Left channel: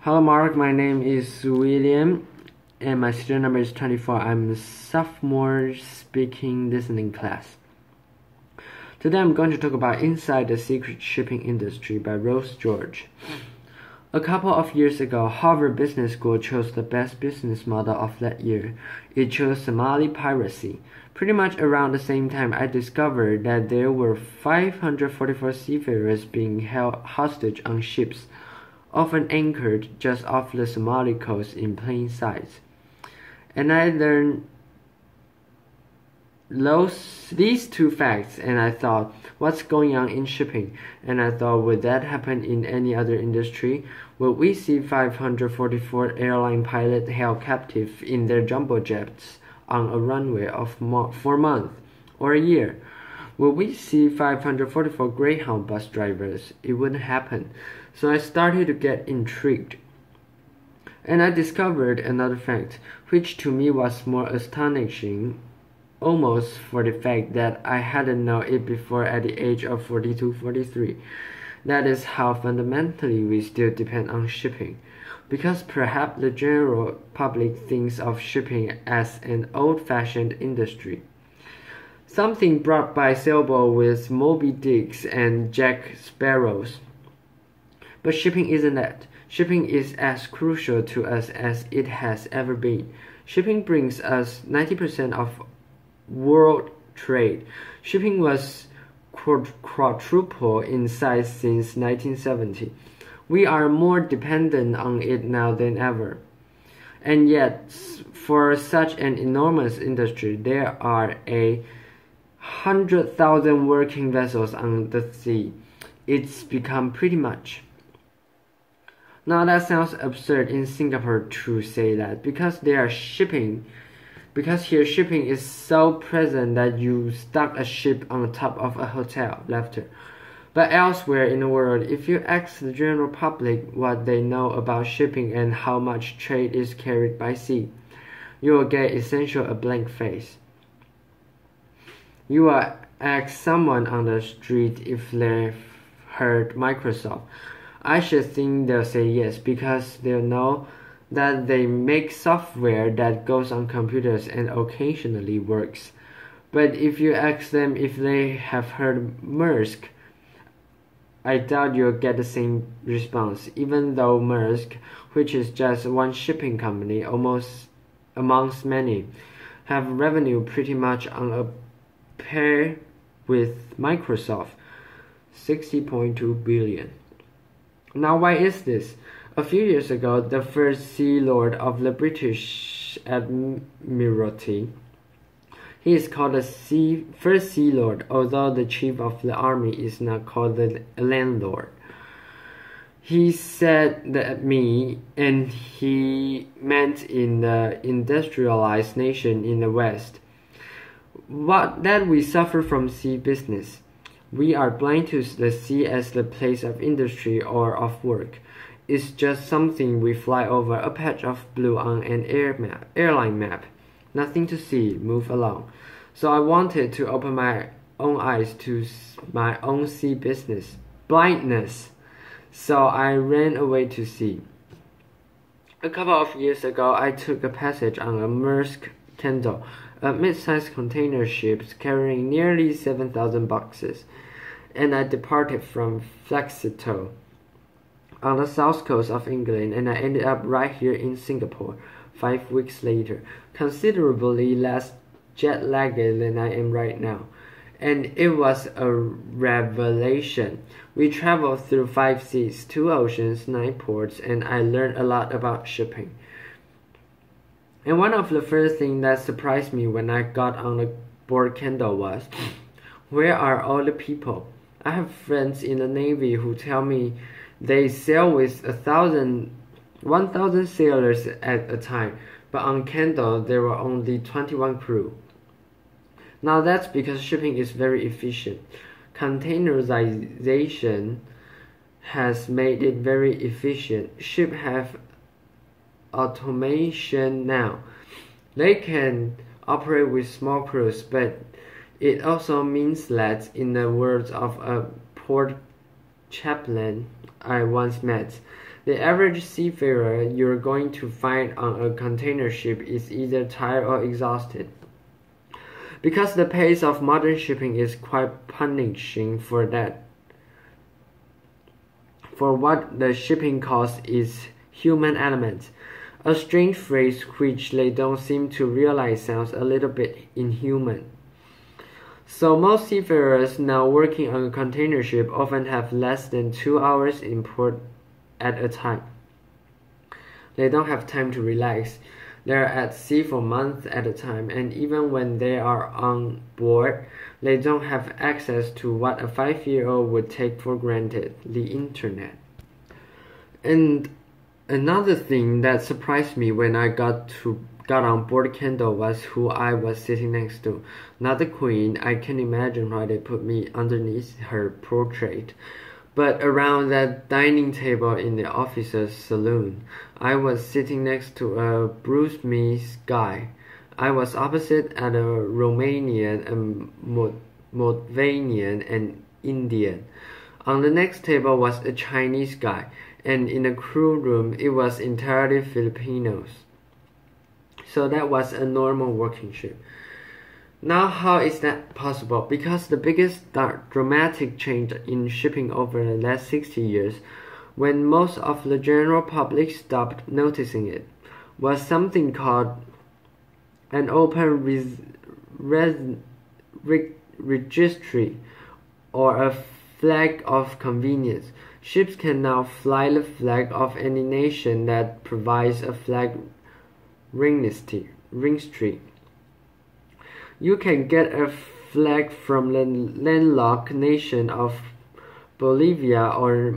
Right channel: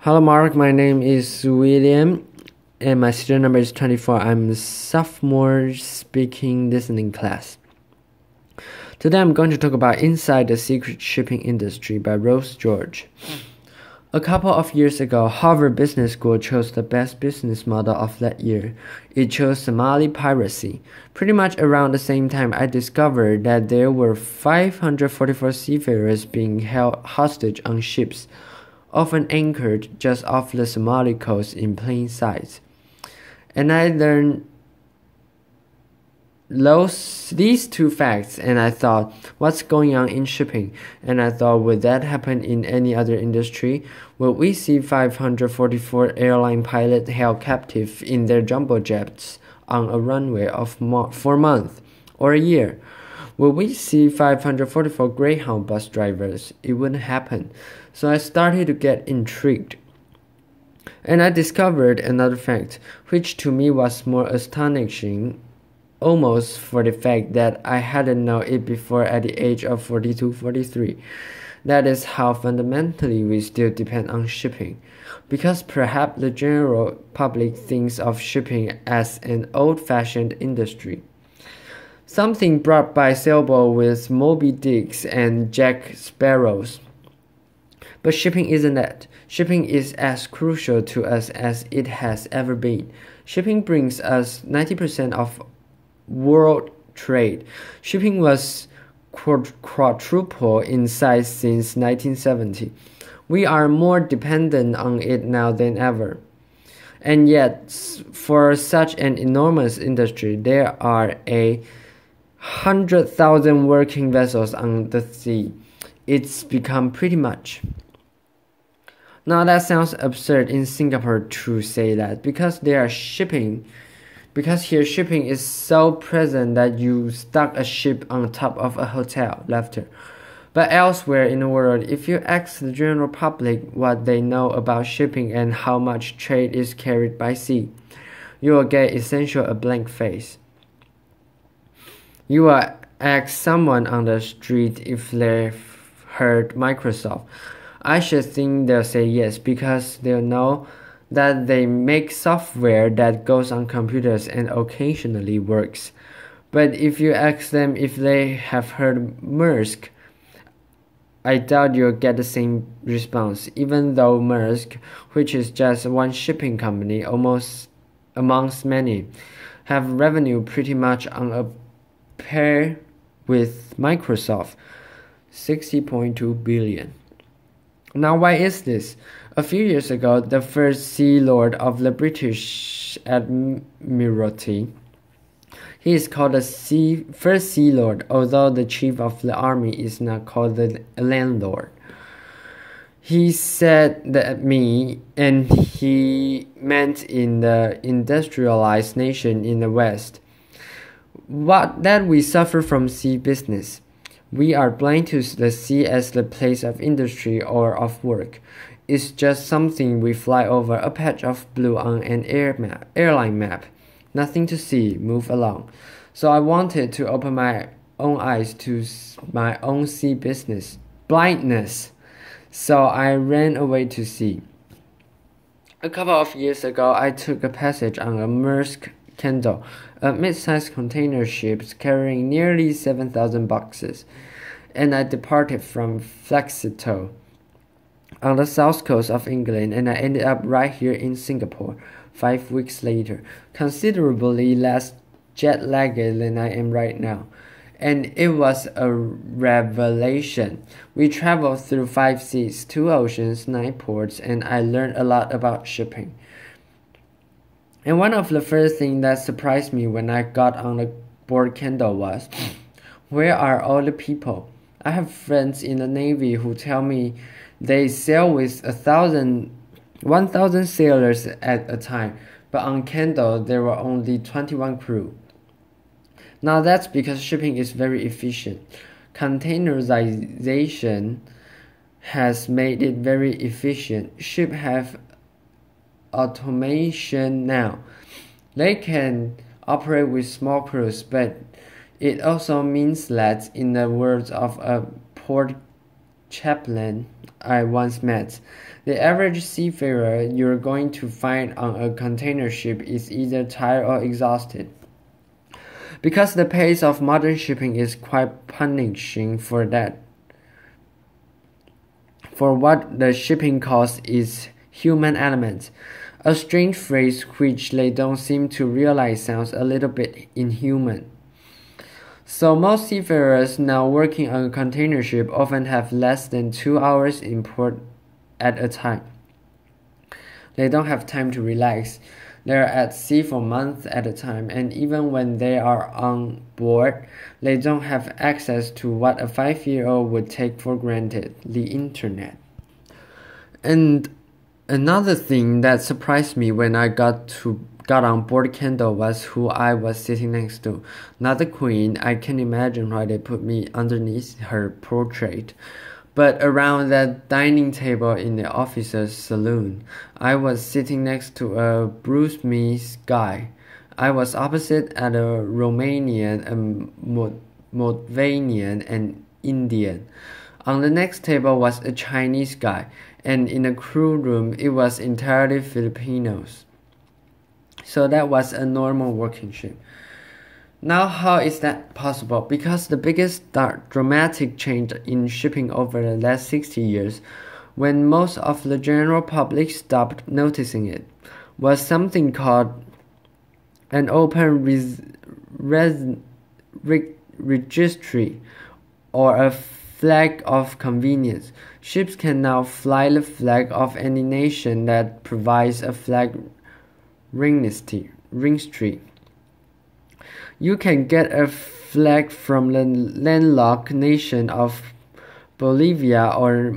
Hello Mark, my name is William and my student number is 24. I'm a sophomore speaking listening class. Today I'm going to talk about Inside the Secret Shipping Industry by Rose George. A couple of years ago, Harvard Business School chose the best business model of that year. It chose Somali piracy. Pretty much around the same time, I discovered that there were 544 seafarers being held hostage on ships, often anchored just off the Somali coast in plain sight. And I learned these two facts, and I thought, what's going on in shipping? And I thought, would that happen in any other industry? Will we see 544 airline pilots held captive in their jumbo jets on a runway for a month or a year? Will we see 544 Greyhound bus drivers? It wouldn't happen. So I started to get intrigued. And I discovered another fact, which to me was more astonishing, almost for the fact that I hadn't known it before at the age of 42-43. That is how fundamentally we still depend on shipping. Because perhaps the general public thinks of shipping as an old-fashioned industry, something brought by sailboat with Moby Dicks and Jack Sparrows. But shipping isn't that. Shipping is as crucial to us as it has ever been. Shipping brings us 90% of world trade. Shipping was quadruple in size since 1970. We are more dependent on it now than ever. And yet, for such an enormous industry, there are 100,000 working vessels on the sea. It's become pretty much. Now that sounds absurd in Singapore to say that, because here shipping is so present that you stuck a ship on top of a hotel, laughter. But elsewhere in the world, if you ask the general public what they know about shipping and how much trade is carried by sea, you will get essentially a blank face. You will ask someone on the street if they've heard Microsoft. I should think they'll say yes, because they'll know that they make software that goes on computers and occasionally works. But if you ask them if they have heard Maersk, I doubt you'll get the same response, even though Maersk, which is just one shipping company amongst many, have revenue pretty much on a par with Microsoft, 60.2 billion. Now, why is this? A few years ago, the first Sea Lord of the British Admiralty, he is called the first Sea Lord, although the Chief of the Army is not called the Landlord. He said that and he meant in the industrialized nation in the West, that we suffer from sea business. We are blind to the sea as the place of industry or of work. It's just something we fly over, a patch of blue on an airline map. Nothing to see, move along. So I wanted to open my own eyes to my own sea business. Blindness. So I ran away to sea. A couple of years ago, I took a passage on a Maersk Kendal, a mid-sized container ship carrying nearly 7,000 boxes, and I departed from Flexito on the south coast of England, and I ended up right here in Singapore 5 weeks later, considerably less jet-lagged than I am right now. And it was a revelation. We traveled through 5 seas, 2 oceans, 9 ports, and I learned a lot about shipping. And one of the first things that surprised me when I got on the board Kendal was, where are all the people? I have friends in the Navy who tell me they sail with 1,000 sailors at a time, but on Kendal there were only 21 crew. Now that's because shipping is very efficient. Containerization has made it very efficient. Ships have automation now. They can operate with small crews, but it also means that, in the words of a port chaplain I once met, The average seafarer you're going to find on a container ship is either tired or exhausted. Because the pace of modern shipping is quite punishing for that. For what the shipping cost is human element. A strange phrase which they don't seem to realize sounds a little bit inhuman. So most seafarers now working on a container ship often have less than 2 hours in port at a time. They don't have time to relax. They're at sea for months at a time, and even when they are on board, they don't have access to what a 5-year-old would take for granted, the internet. And another thing that surprised me when I got on board Kendal was who I was sitting next to. Not the queen, I can imagine why they put me underneath her portrait. But around that dining table in the officer's saloon, I was sitting next to a Bruce Mees guy. I was opposite at a Romanian, a Moldavanian, and Indian. On the next table was a Chinese guy, and in the crew room it was entirely Filipinos. So that was a normal working ship. Now how is that possible? Because the biggest dramatic change in shipping over the last 60 years, when most of the general public stopped noticing it, was something called an open registry, or a flag of convenience. Ships can now fly the flag of any nation that provides a flag registry. You can get a flag from the landlocked nation of Bolivia or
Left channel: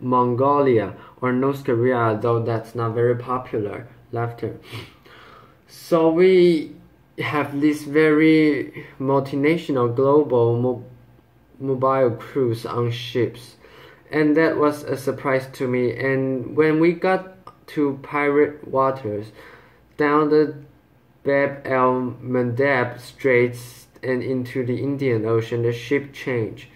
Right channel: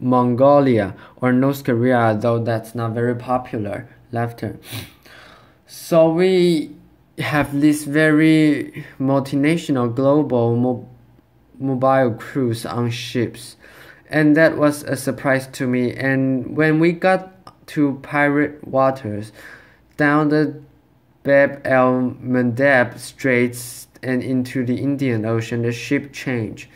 Mongolia or North Korea, though that's not very popular. Laughter. So we have this very multinational global mobile crews on ships, and that was a surprise to me. And when we got to pirate waters, down the Bab el-Mandeb Straits and into the Indian Ocean, the ship changed.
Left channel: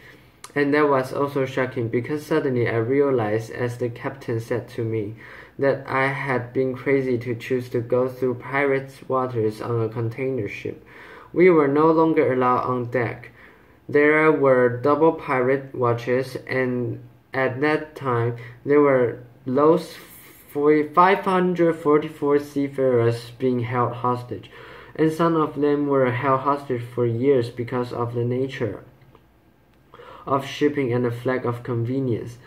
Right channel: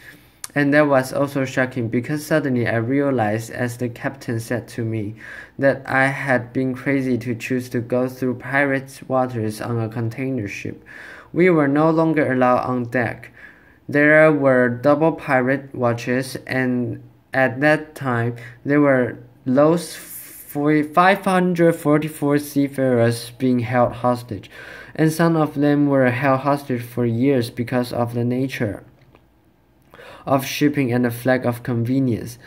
And that was also shocking because suddenly I realized, as the captain said to me, that I had been crazy to choose to go through pirate waters on a container ship. We were no longer allowed on deck. There were double pirate watches, and at that time there were those 544 seafarers being held hostage, and some of them were held hostage for years because of the nature of shipping and the flag of convenience.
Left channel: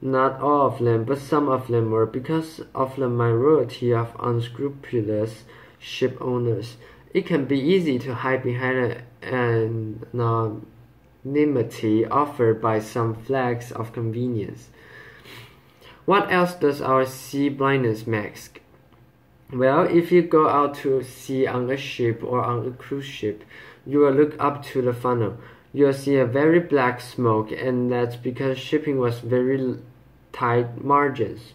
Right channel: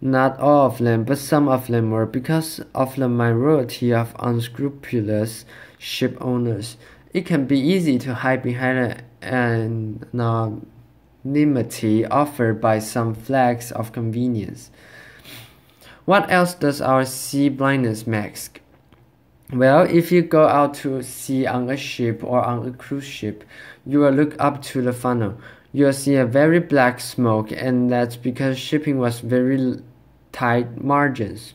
Not all of them, but some of them were, because of the minority of unscrupulous ship owners. It can be easy to hide behind an anonymity offered by some flags of convenience. What else does our sea blindness mask? Well, if you go out to sea on a ship or on a cruise ship, you will look up to the funnel. You'll see a very black smoke, and that's because shipping was very tight margins.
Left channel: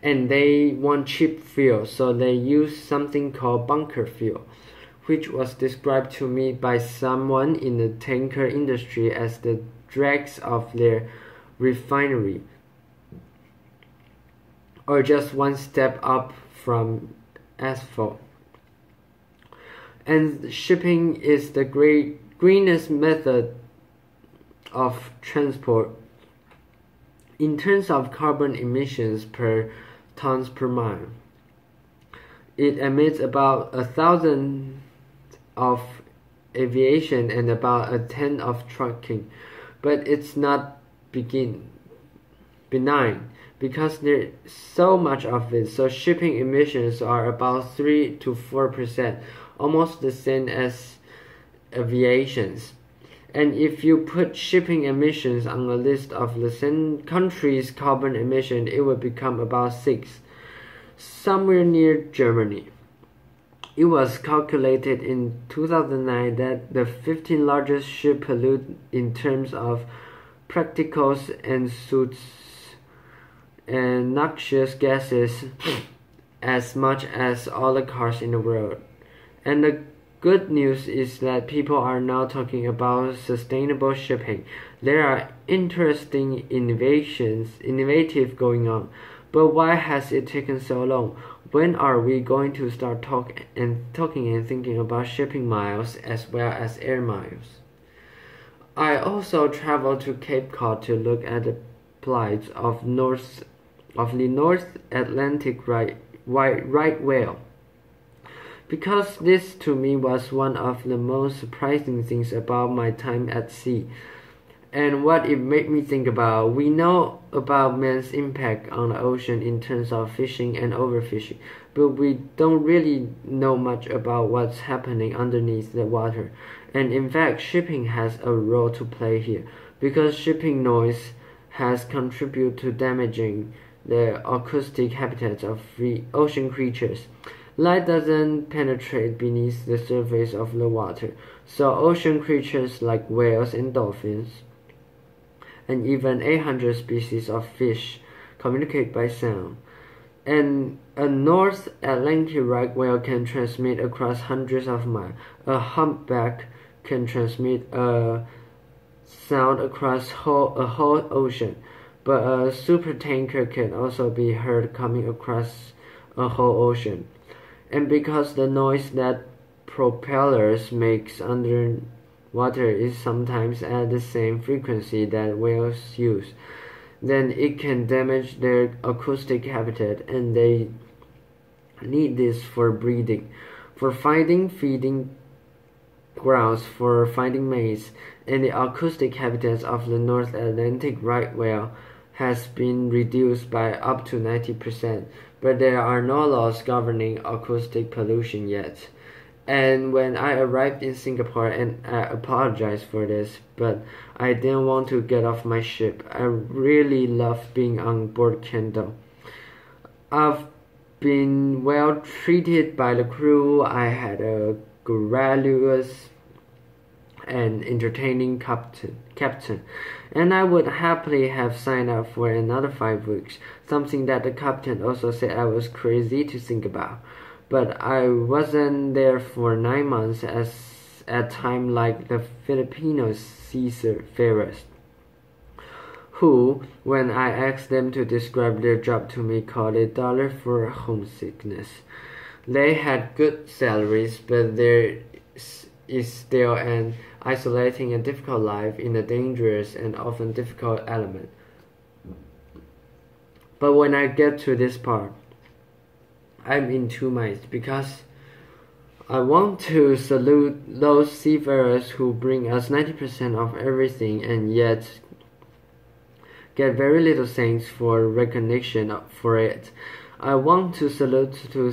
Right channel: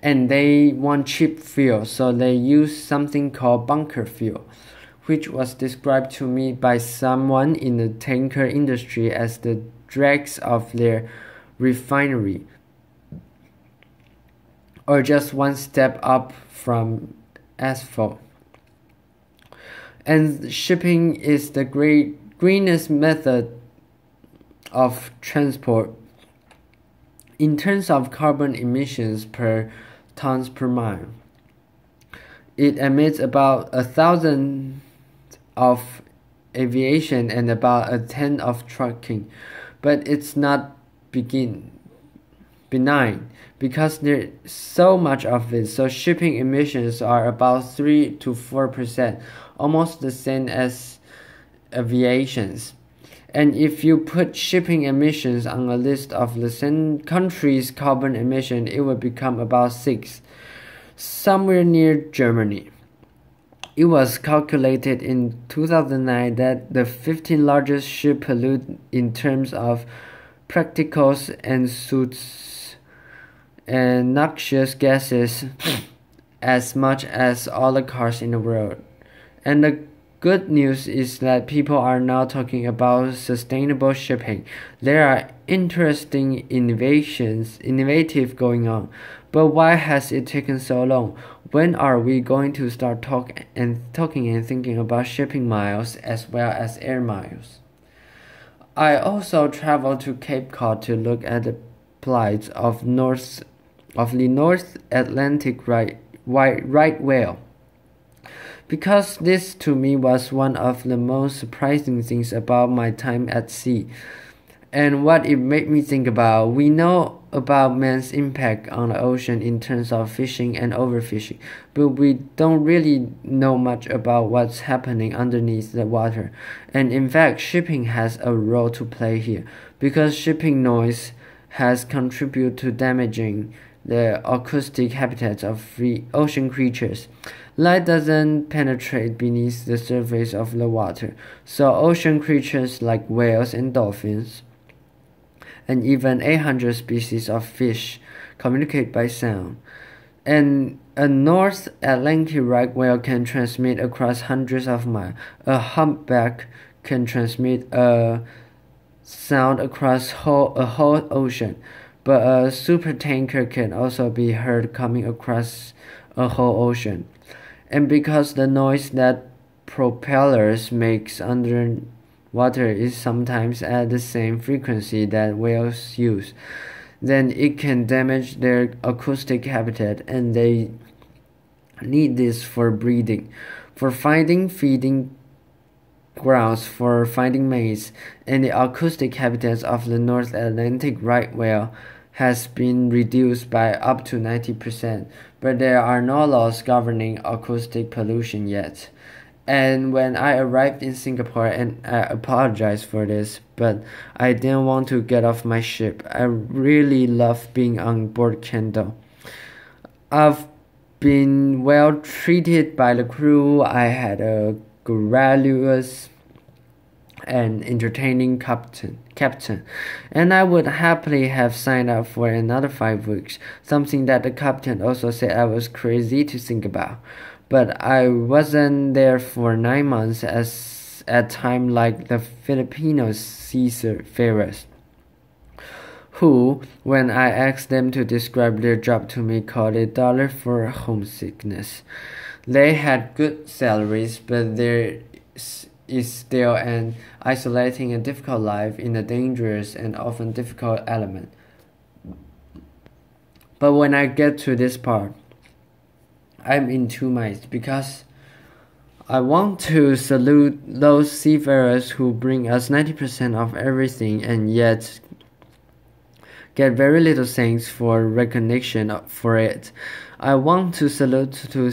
And they want cheap fuel, so they use something called bunker fuel, which was described to me by someone in the tanker industry as the dregs of their refinery, or just one step up from asphalt. And shipping is the greenest method of transport. In terms of carbon emissions per tons per mile, it emits about 1,000 of aviation and about 1/10 of trucking, but it's not benign, because there's so much of it. So shipping emissions are about 3 to 4%, almost the same as aviation's. And if you put shipping emissions on a list of the same country's carbon emission, it would become about 6, somewhere near Germany. It was calculated in 2009 that the 15 largest ships pollute in terms of particles and soot and noxious gases as much as all the cars in the world. And the Good news is that people are now talking about sustainable shipping. There are interesting innovative going on. But why has it taken so long? When are we going to start talking and thinking about shipping miles as well as air miles? I also traveled to Cape Cod to look at the plight of the North Atlantic right whale. Because this to me was one of the most surprising things about my time at sea. And what it made me think about, we know about man's impact on the ocean in terms of fishing and overfishing, but we don't really know much about what's happening underneath the water. And in fact, shipping has a role to play here, because shipping noise has contributed to damaging the acoustic habitats of free ocean creatures. Light doesn't penetrate beneath the surface of the water, so ocean creatures like whales and dolphins, and even 800 species of fish, communicate by sound. And a North Atlantic right whale can transmit across hundreds of miles. A humpback can transmit a sound across a whole ocean, but a supertanker can also be heard coming across a whole ocean. And because the noise that propellers makes underwater is sometimes at the same frequency that whales use, then it can damage their acoustic habitat, and they need this for breeding, for finding feeding grounds, for finding mates. And the acoustic habitats of the North Atlantic right whale has been reduced by up to 90%, but there are no laws governing acoustic pollution yet. And when I arrived in Singapore, and I apologize for this, but I didn't want to get off my ship. I really love being on board Kendo. I've been well treated by the crew. I had a gracious and entertaining captain, and I would happily have signed up for another 5 weeks, something that the captain also said I was crazy to think about. But I wasn't there for 9 months as at time like the Filipino seafarers, who, when I asked them to describe their job to me, called it dollar for homesickness. They had good salaries, but there is still an isolating and difficult life in a dangerous and often difficult element. But when I get to this part, I'm in two minds, because I want to salute those seafarers who bring us 90% of everything and yet get very little thanks for recognition for it. I want to salute to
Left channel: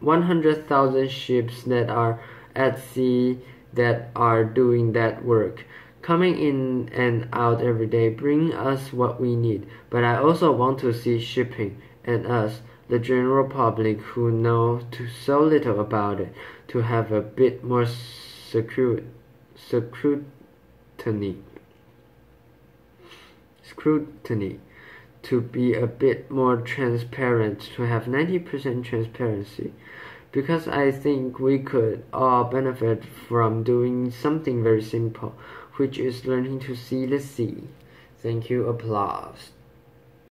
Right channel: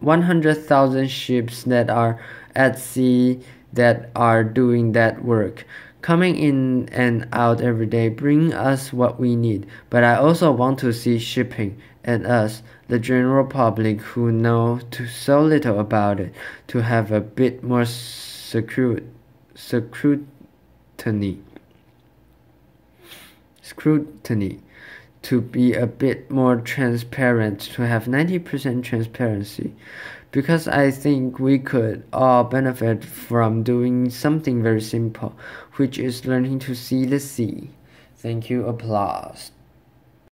100,000 ships that are at sea that are doing that work, coming in and out every day, bring us what we need. But I also want to see shipping and us, the general public who know so little about it, to have a bit more scrutiny, to be a bit more transparent, to have 90% transparency. Because I think we could all benefit from doing something very simple, which is learning to see the sea. Thank you. Applause.